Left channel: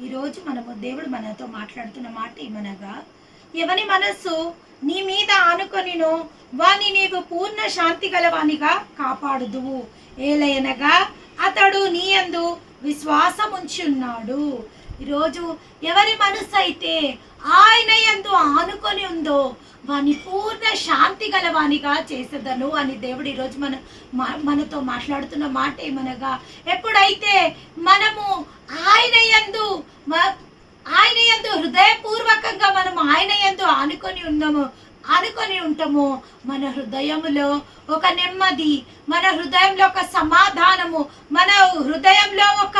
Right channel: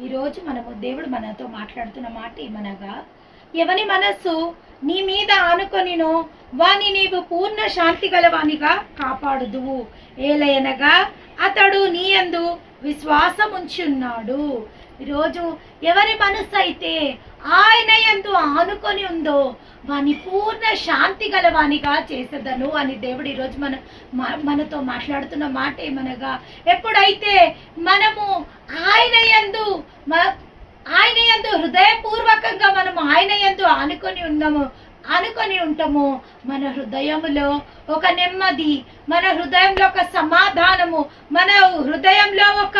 ఈరోజు దేవుడు మనతో మాట్లాడుతున్న మాట ఏమనగా, ఎవని మనస్సు నీ మీద ఆనుకొనినో వాని నీవు పూర్ణ శాంతి గలవానిగా కాపాడుదువు. ఏలయనగా అతడు నీ యందు విశ్వాసం ఉంచున్నాడు. ఈరోజు ఎవరి మనస్సు అయితే ఆయన యందు ఆనుకొని ఉందో వాని పూర్ణ శాంతి గలవానిగా చేసేదను అని దేవుడు ఈరోజు మనతో మాట్లాడుతున్న మాట ఏమనగా, ఎప్పుడైతే మనము ఆయన యందు హృదయపూర్వకంగా మనం ఆయన యందు ఆనుకొని ఉంటాము, మన హృదయములో ఒక నెమ్మది, మన హృదయంలో ఒక సమాధానము, మన హృదయంలో ఒక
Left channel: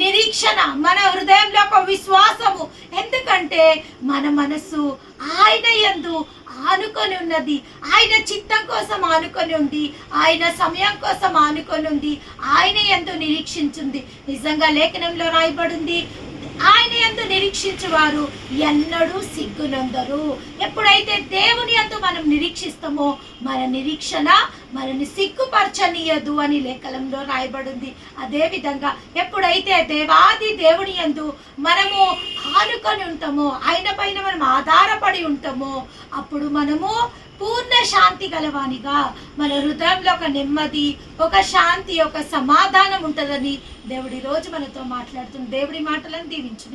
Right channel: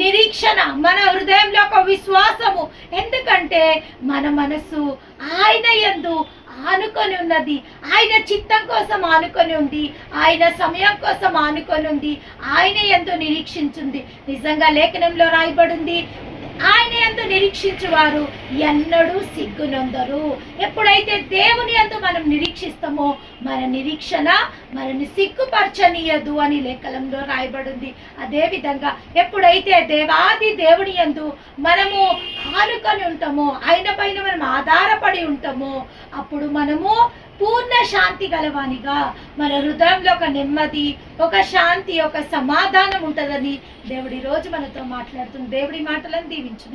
నిరీక్షణ, మన హృదయంలో ఒక విశ్వాసము. ఎందుకంటే మన మనసు ఆయన యందు ఆనుకొని ఉన్నది, ఆయన చిత్తం కోసం ఆనుకొని ఉంది, ఆయన సమయం కోసం ఆనుకొని ఉంది, ఆయన యందు నిరీక్షించింది. నిజంగా లేఖనంలో రాయబడింది, ఆయన యందు నిరీక్షించువారు ఎన్నడూ సిగ్గునందరు. ఎప్పుడైతే దేవుని యందు మనం నిరీక్షిస్తామో మన నిరీక్షణ మనని సిగ్గుపరచనీయదు అని లేఖనంలో రాయబడింది. అదే విధంగా ఎప్పుడైతే దేవాది దేవుని యందు మనము ఆనుకొని ఉంటామో, ఆయన పైన మనం ఆధారపడి ఉంటామో, అప్పుడు మనము పూర్ణ శాంతి గలవానిగా, మన హృదయంలో ఒక నెమ్మది, ఒక శాంతి, ఒక సమాధానం ఉంటుందని దేవుడి రోజు మనతో మాట్లాడుతున్న దేవుడి మాటలను దీవించును.